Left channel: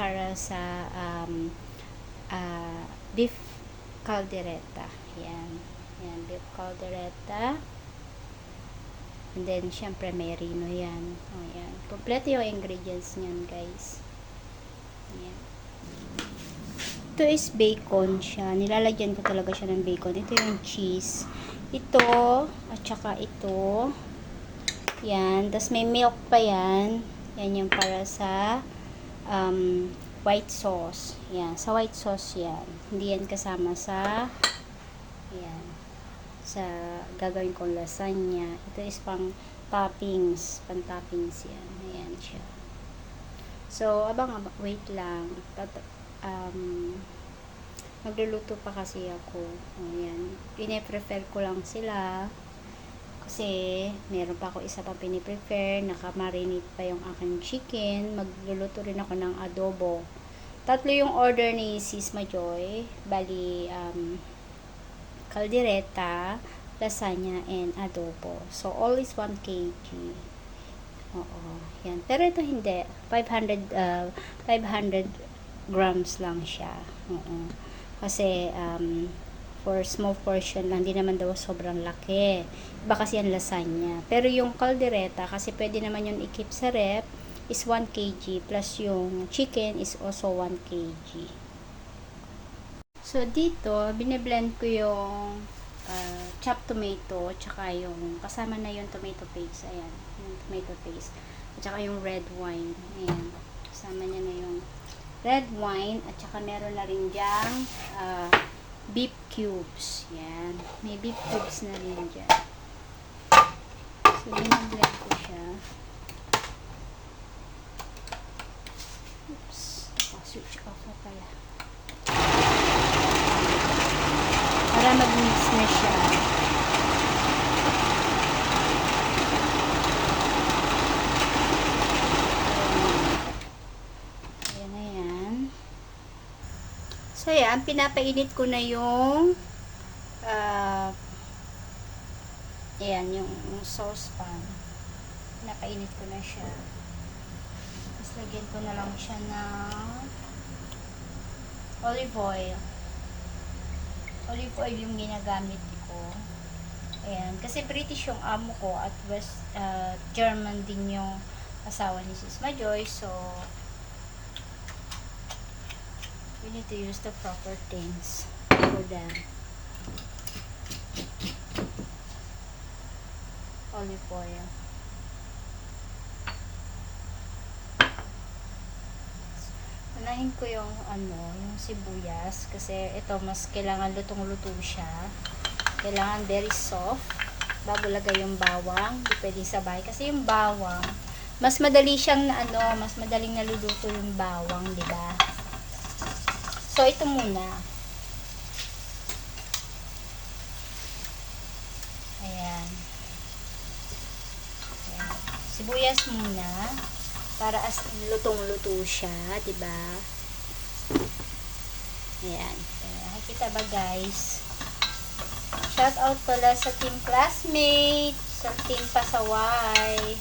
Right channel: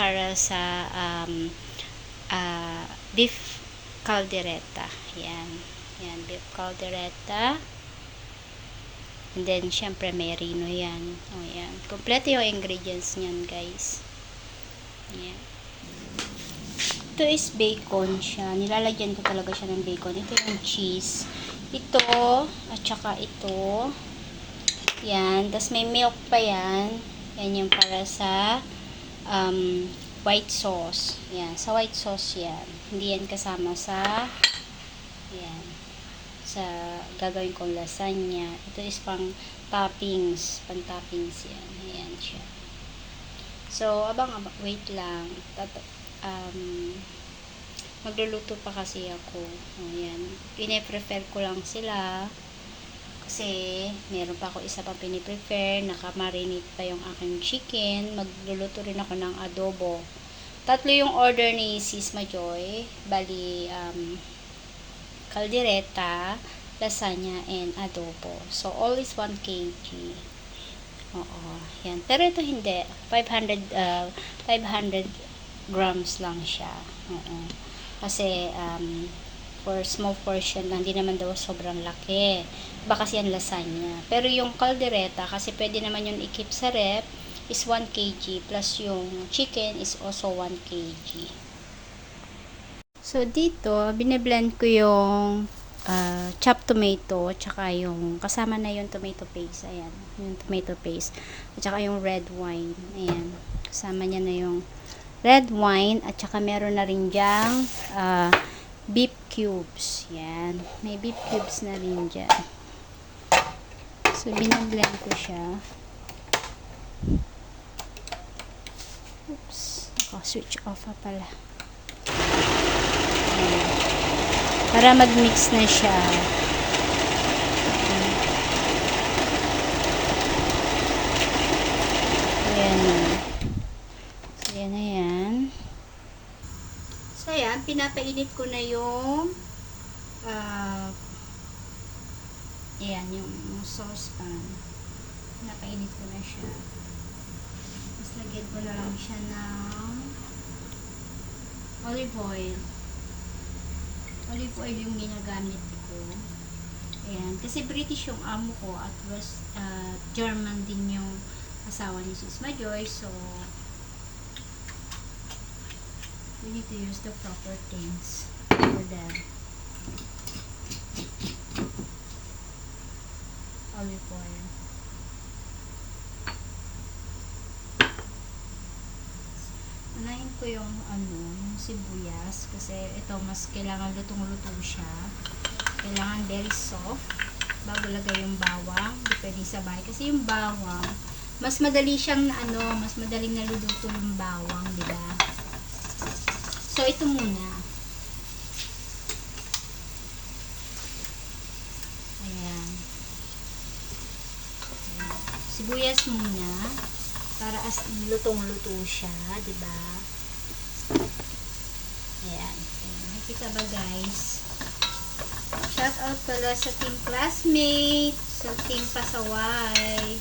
para sa beef caldereta. Yan. Yan, beef caldereta. And then, syempre, merino yan. O, yan. Kompleto yung ingredients niyan, guys. Yan. Ito is bacon siya. Nilalagyan ko talaga siya ng bacon. Ito yung cheese. Ito, at saka ito. Yan. Tapos may milk pa yan. Yan yung para sa white sauce. Yan. Sa white sauce yan. Hindi yan kasama sa yan. Sa gagawin kong lasagna. Ito is pang toppings. Pang toppings yan. Ayan siya. So, abang-abang. Wait lang. Magluluto pa kasi ako. Ayan. Pine-prefer ko lang sila. Kasi, meron pa ako isa pang piniprefer. Nakamarinate pa yung aking chicken. Magluluto rin ako ng adobo. 3 yung order ni Sis Majoy. Bali, caldereta, lasagna, and adobo. So, all is 1 kg. Oo. Yan. Pero ito hindi. 500 grams lang siya. Oo. Kasi, for small portion lang. Hindi naman daw sobrang laki. Baka kasi yan lasagna. Pero yung caldereta, kasi pwede naman yun i-keep sa rep, is 1 kg. Plus yung chicken is also 1 kg. So, dito, biniblend ko yung chopped tomato, tsaka yung, kasama na yung tomato paste. Ayan, yung tomato paste. At tsaka yung red wine. Ayan, kasama niya na yung red wine. At tsaka meron na rin dyang beef cubes. Ayan, may beef cubes na rin dyan. So, biniblend ko siya. Oops, switch off na pala. Para mag-mix na siya. Ayan. So, yan na yan. So, yan. Pinapainit ko na yung ayan, yung saucepan. Pinapainit ko na siya. Tapos, lagyan ko na lang siya ng olive oil. Olive oil yung ginagamit ko. Ayan. Kasi British yung amo ko at West German din yung asawa ni Sis Majoy. So, we need to use the proper things for them. Olive oil. Unahin ko yung yung sibuyas kasi ito mas kailangan lutong-luto siya. Kailangan very soft bago lagay yung bawang. Hindi pwede sabay kasi yung bawang mas madali siyang mas madaling naluluto yung bawang, di ba? So ito muna. Ayan. Ayan. Sibuyas muna. Para as lutong-luto siya, di ba? Ayan. Nakikita ba, guys? Shout out pala sa team classmate, sa team pasaway.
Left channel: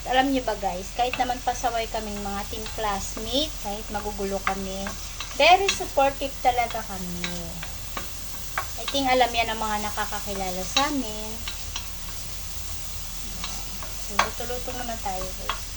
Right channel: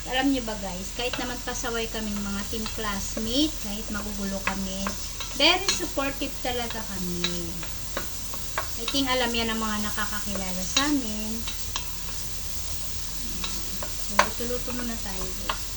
At alam nyo ba, guys, kahit naman pasaway kaming mga team classmate, kahit magugulo kami, very supportive talaga kami. I think alam yan ang mga nakakakilala sa amin. So, luto-luto muna tayo, guys.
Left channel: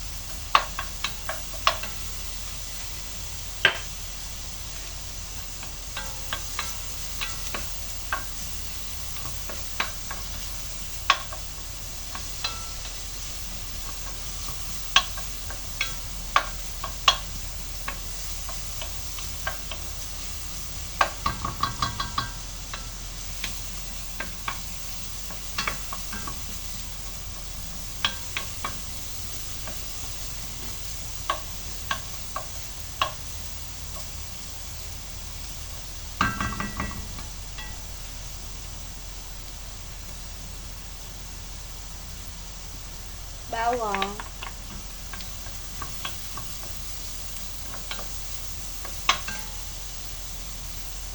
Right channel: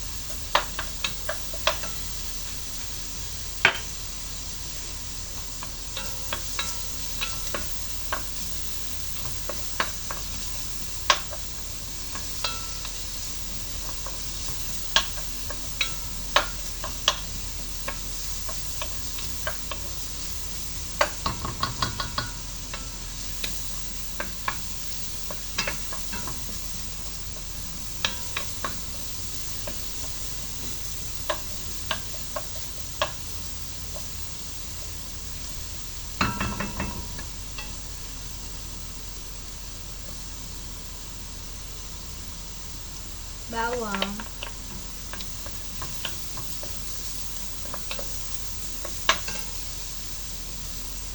Bawang.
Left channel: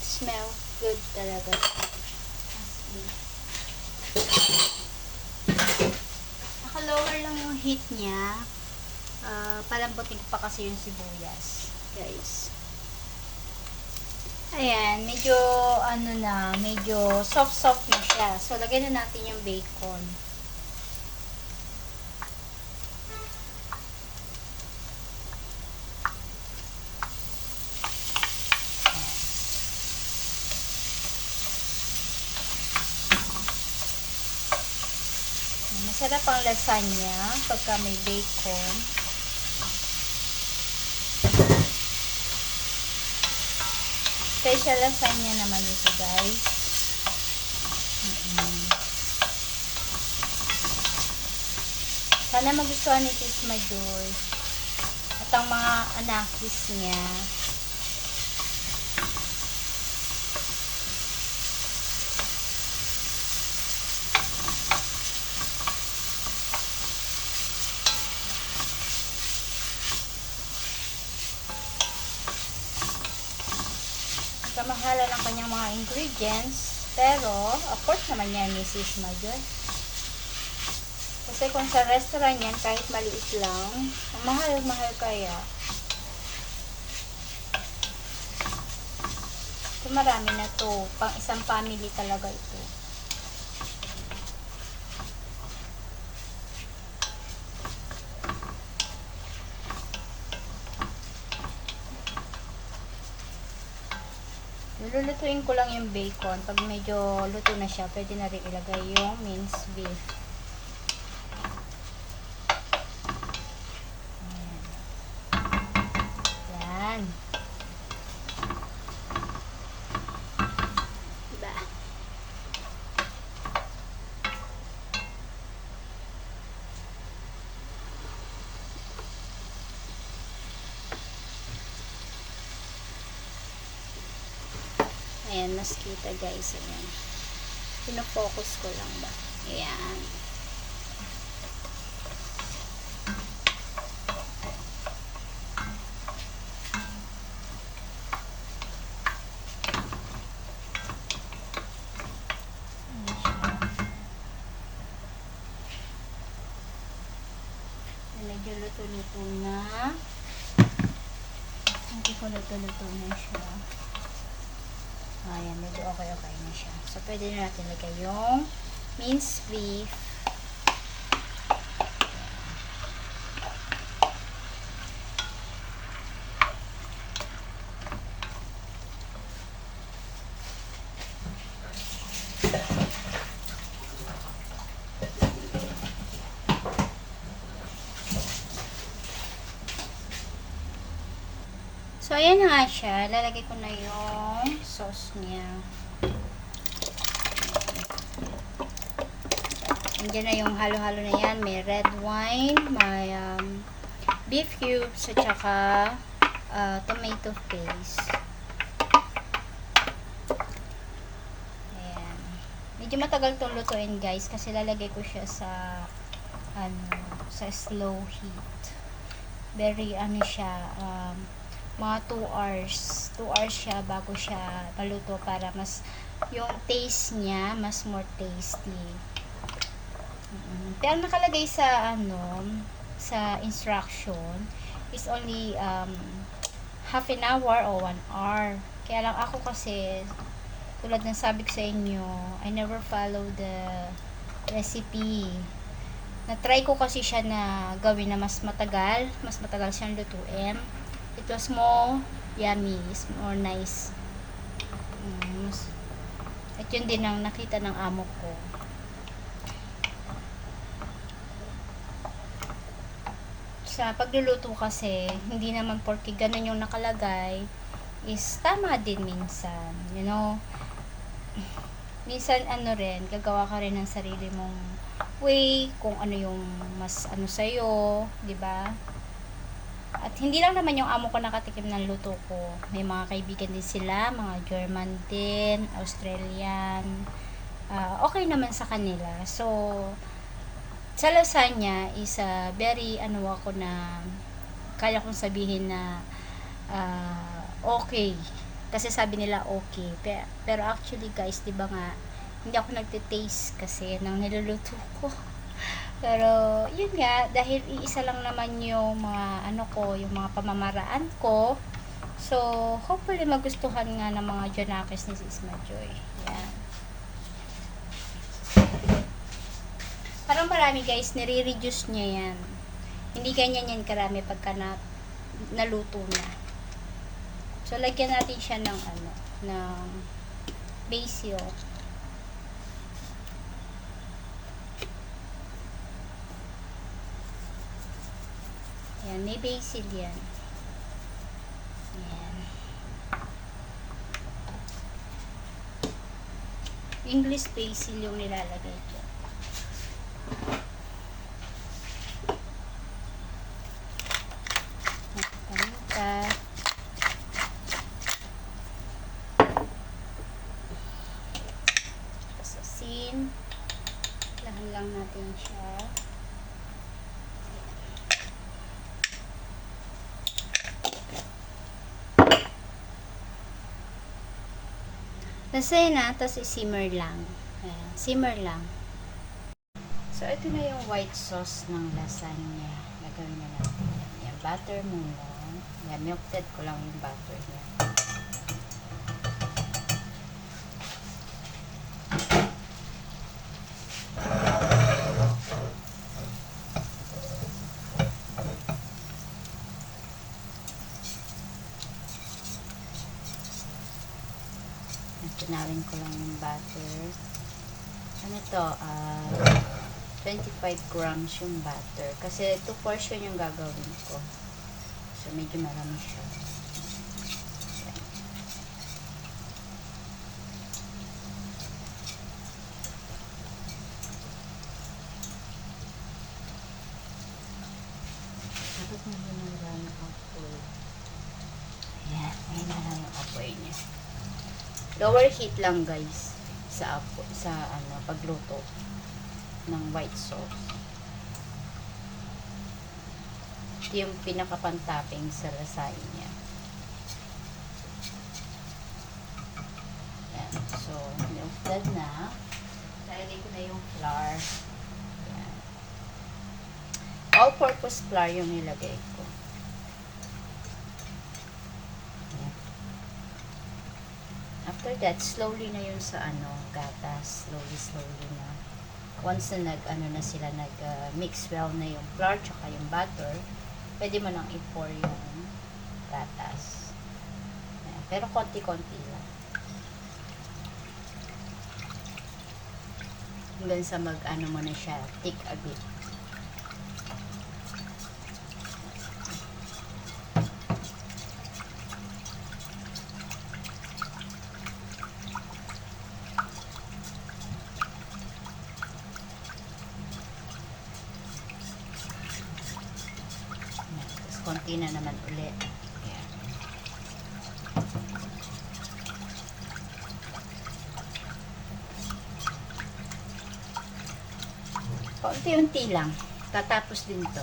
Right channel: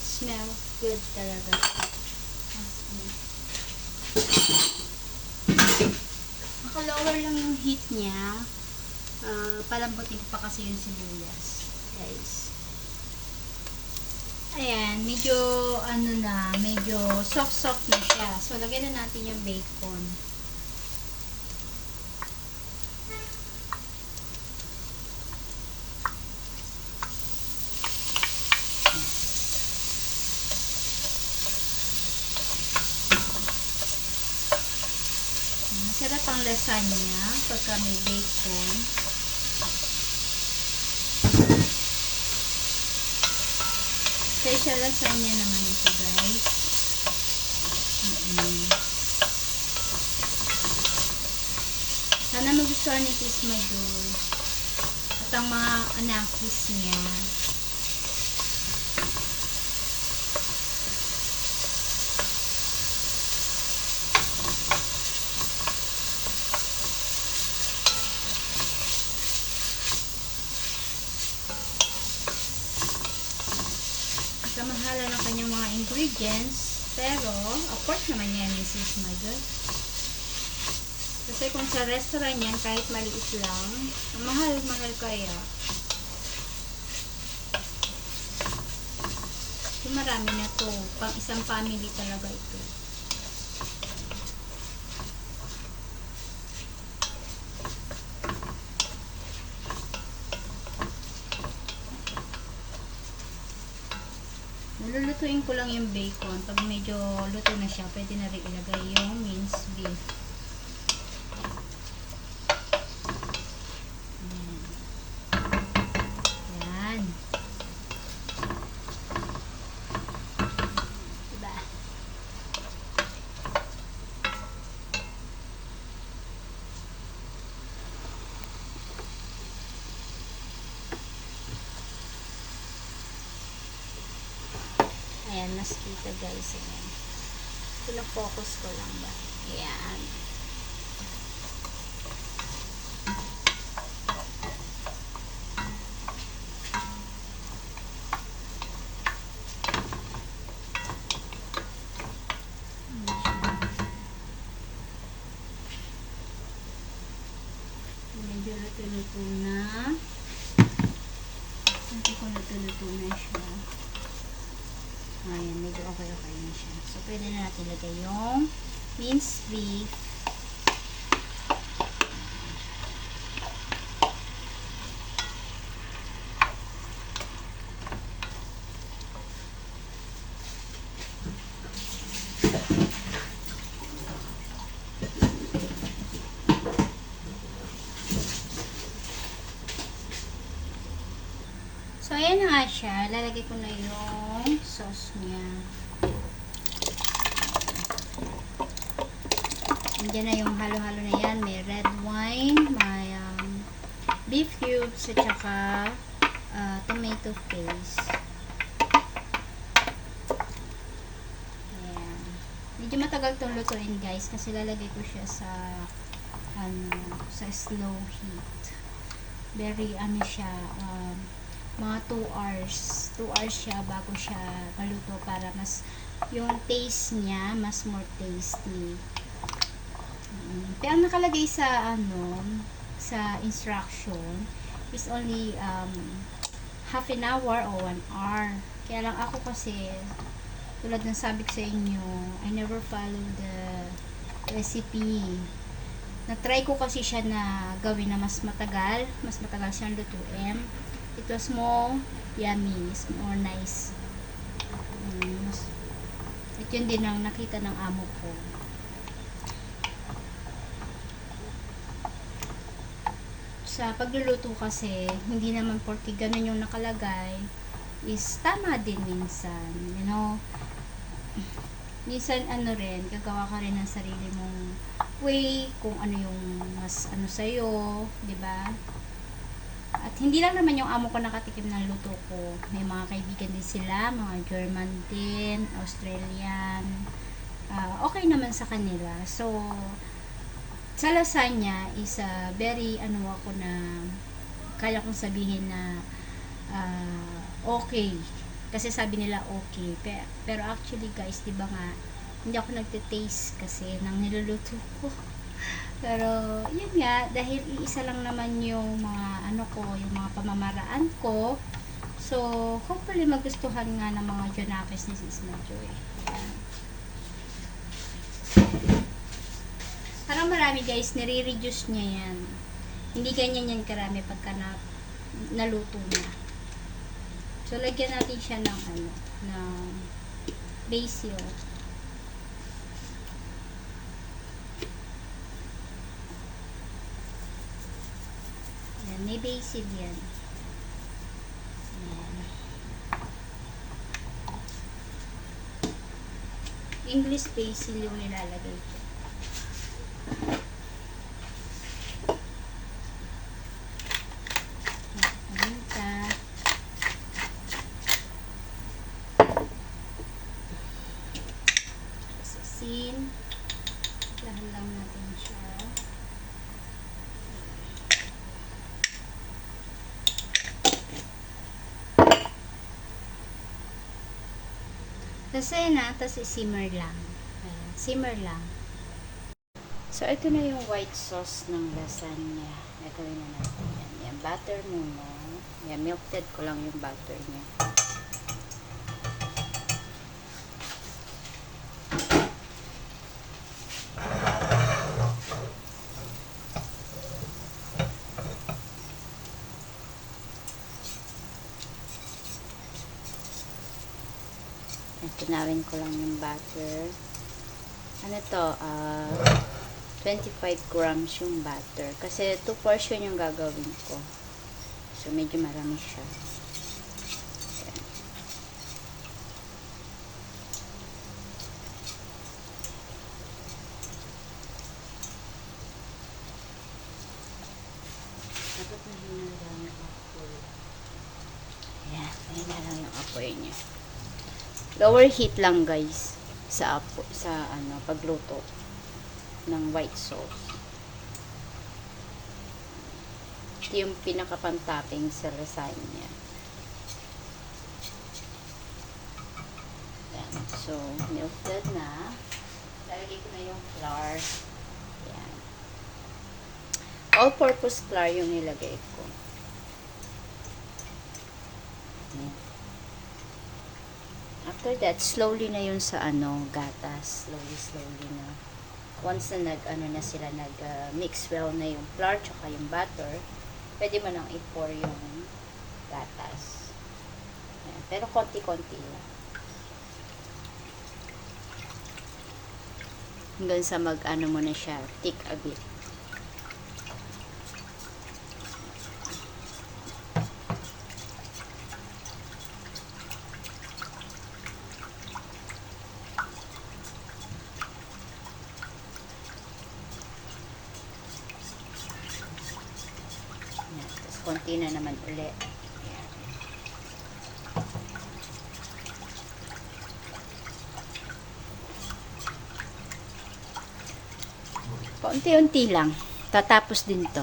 Smell good talaga. Naka-lower lang yung heat niya. Palambutin ko pa kasi yung sibuyas, guys. Ayan, medyo ano na, medyo soft-soft na siya. So, lagyan na natin yung bacon. Masarap ang lasagna pagka may bacon. Special lasagna naman ito, guys. Sana magustuhan ni Tis Major at ang mga anakis niya. Kamahala ng kanyang mga ingredients, pero afford naman niya Mrs. Major. Kasi kung sa restaurant yan, kahit maliit lang, ang mahal-mahal kaya. So, marami na to. Pang isang family talaga ito. Lulutuin ko lang yung bacon. Pag medyo luto na siya, pwede na rin ilagay yung minced beef. Yan. Diba? Ayan, mas kita guys. Ayan. Pina-focus ko lang ba? Ayan. Medyo luto-luto na. Medyo ko luto-luto na siya. Ayan, medyo okay-okay na siya. So, pwede na natin lagay yung minced beef. So, ayan na nga siya. Lalagay ko na yung sauce niya. Nandiyan na yung halo-halo na yan. May red wine, may beef cubes, at saka tomato paste. Ayan. Medyo matagal itong lutuin, guys, kasi lalagay ko siya sa slow heat. Very, siya, mga 2 hours. 2 hours siya bago siya maluto para mas yung taste niya mas more tasty. Pero nakalagay sa sa instruction is only half an hour or 1 hour. Kaya lang ako kasi tulad ng sabi ko sa inyo, I never follow the recipe. Na-try ko kasi siya na gawin na mas matagal siyang lutuin. It was more yummy, more nice. At yun din ang nakita ng amo ko. Sa pagluluto kasi, hindi naman porke ganun yung nakalagay, is tama din minsan. You know, minsan rin, gagawa ka rin ng sarili mong way, kung ano yung mas sa'yo, di ba? At hindi lang naman yung amo ko nakatikim ng luto ko. May mga kaibigan din sila, mga German din, Australian. Okay naman sa kanila. So, sa lasagna is very ako na kaya kong sabihin na okay. Kasi sabi nila okay. Pero actually guys, di ba nga, hindi ako nagte-taste kasi ng niluluto ko. Pero, yun nga, dahil iisa lang naman yung mga, ano ko, yung mga pamamaraan ko. So, hopefully magustuhan nga ng mga Janakis ni Sis Majoy. Yan. Parang marami guys, nire-reduce niya yan. Hindi ganyan yan karami pagka naluto na. So, lagyan natin siya ng ano, ng basil. Yan, may basil yan. Yan. English basil yung nilalagay ko. Dahil lang natin siya. Tapos ayun na, tapos i-simmer lang. Ayan, simmer lang. So, ito na yung white sauce ng lasagna. Gagawin na natin yan. Yan, butter muna. Yan, melted ko lang yung butter niya. Kinalin ko lang yung butter. Ano to? 25 grams yung butter. Kasi 2 portion yung gagawin ko. So, medyo marami siya. Ayan. Bakit mahina lang yung apoy? Ayan, mahina lang yung apoy niya. Lower heat lang guys sa pagluto ng white sauce. Ito yung pinaka-pantopping sa lasagna. Ayan. So, melted na. Lalagay ko na yung flour. Ayan. All-purpose flour yung nilagay ko. Ayan. After that, slowly na yun sa gatas. Slowly na. Once na nag-mix well na yung flour tsaka yung butter, pwede mo nang i-pour yung gatas. Ayan. Pero konti-konti lang. Hanggang sa mo na siya, thick a bit. Konti na naman ulit. Ayan. Konti-unti lang. Tatapos din to.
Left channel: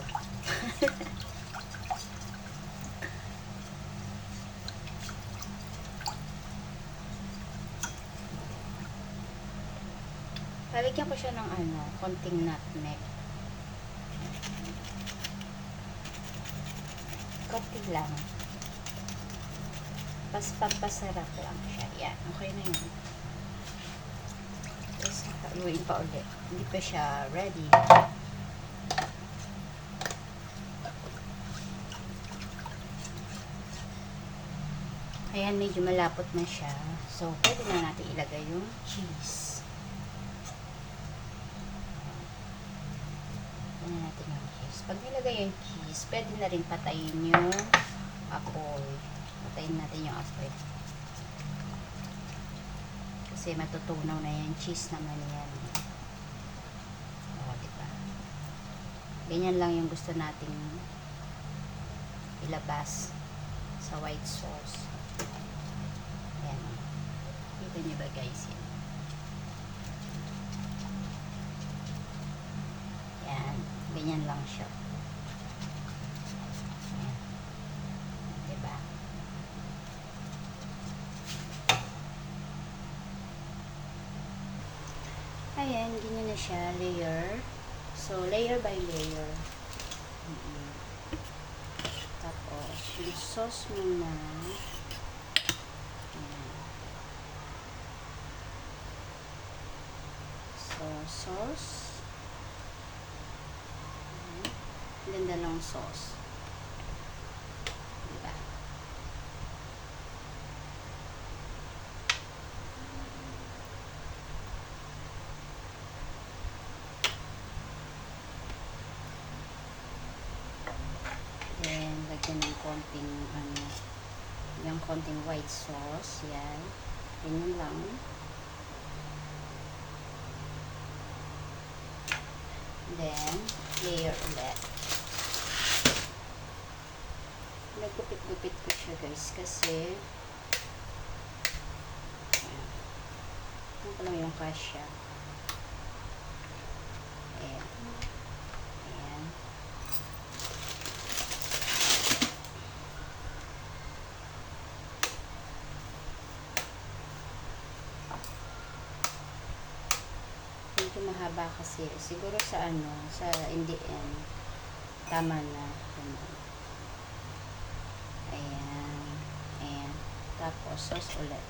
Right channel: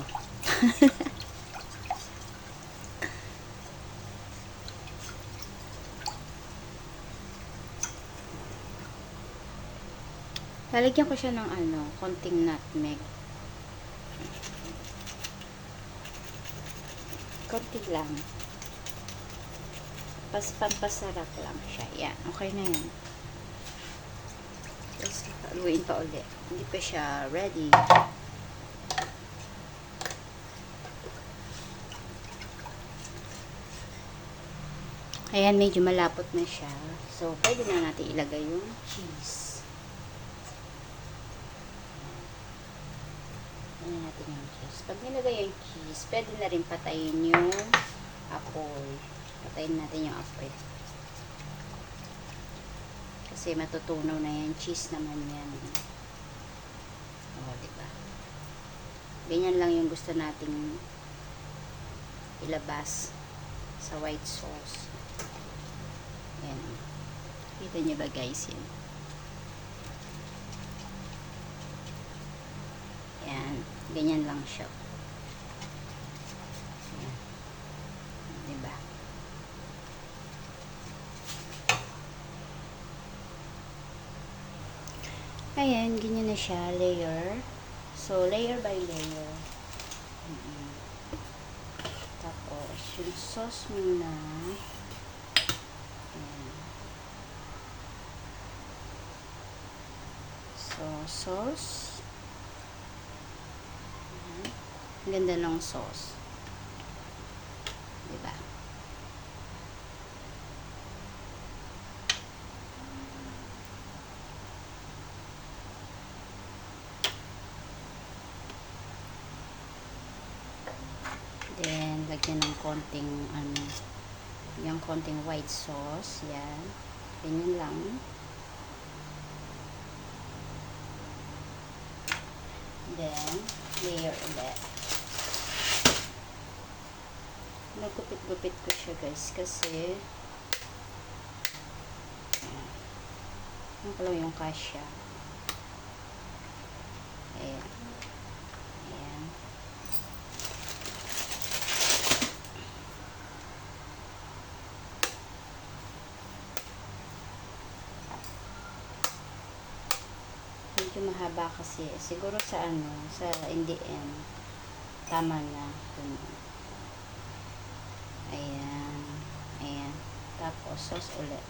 Lalagyan ko siya ng konting nutmeg. Konti lang. Pampasarap lang siya. Yan. Okay na yun. Tapos, haluin pa ulit. Hindi pa siya ready. Ayan, medyo malapot na siya. So, pwede na natin ilagay yung cheese. Ayan natin yung cheese. Pag nilagay yung cheese, pwede na rin patayin yung apoy. Patayin natin yung apoy. Kasi matutunaw na yung cheese naman yan. O, diba? Ganyan lang yung gusto nating ilabas sa white sauce. Ayan. Kita nyo ba guys yun? Ayan. Ganyan lang siya. Ayan. Diba? Ayan. Ganyan na siya. Layer. So, So, layer by layer. Tapos, yung sauce muna. Ayan. So, sauce. Ayan. Ganda ng sauce. Diba? Then, lagyan ng konting, yung konting white sauce. Yan. Ganyan lang. Then, layer ulit. Nagupit-gupit ko siya, guys, kasi ayan. Ano ko lang yung kasya. Ayan. Ayan. Medyo mahaba kasi. Siguro sa in the end, tama na. Ayan. Ayan. Tapos, sauce ulit.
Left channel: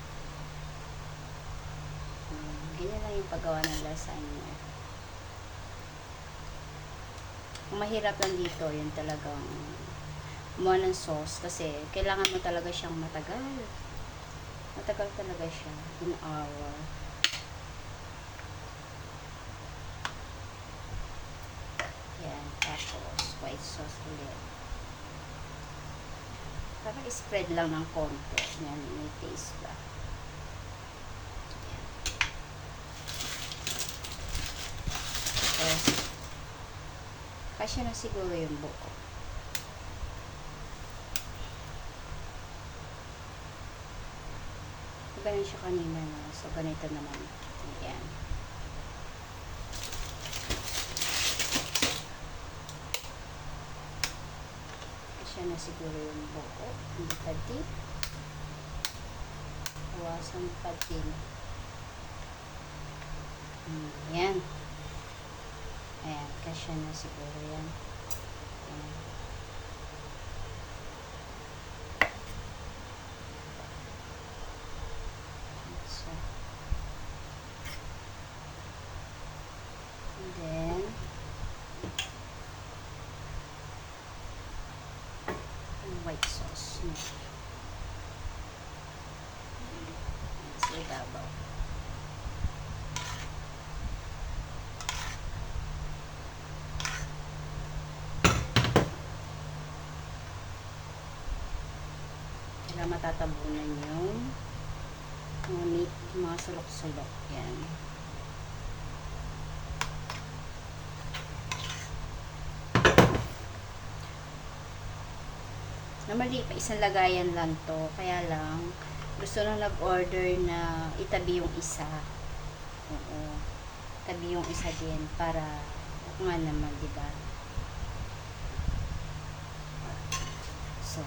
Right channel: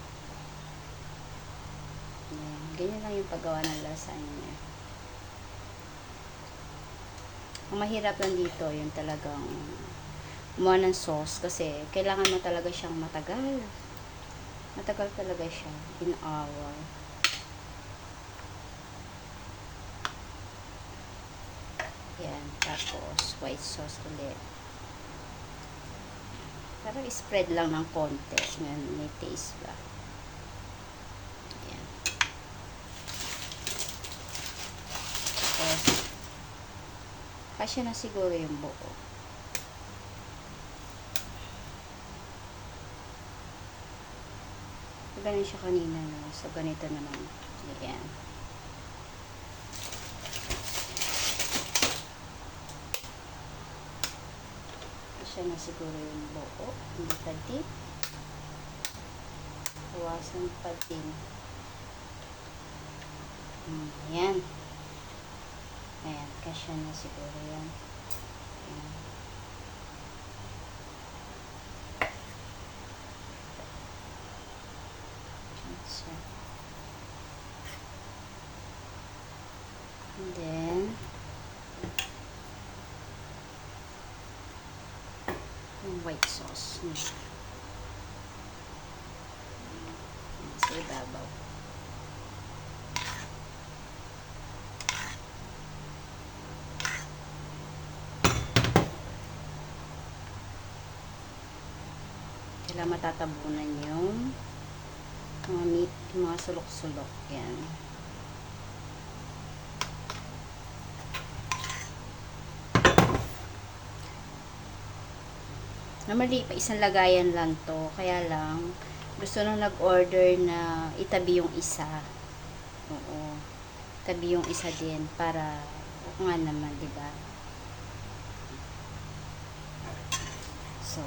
Ayan. Ganyan lang yung paggawa ng lasagna. Ang mahirap lang dito, yung talagang kumuha ng sauce kasi kailangan mo talaga siyang matagal. Matagal talaga siya. In hour. Yan. Tapos, white sauce ulit. Para spread lang ng konti. Yan, may taste ba. Yan. Tapos, kasya na siguro yung buo. Ganun siya kanina, no? So, ganito naman. Ayan. Siya na siguro yung buo. Hindi pa deep. Iwasan pa din. Ayan. Ayan. Kasya na siguro yan. Ayan. So, and then, white sauce. Sa ibabaw. Kailangan matatabunan yung mga meat, mga sulok-sulok. Yan. Normally, pa isang lagayan lang to. Kaya lang, gusto nung nag-order na itabi yung isa. Oo. Itabi yung isa din para, nga naman, diba? So,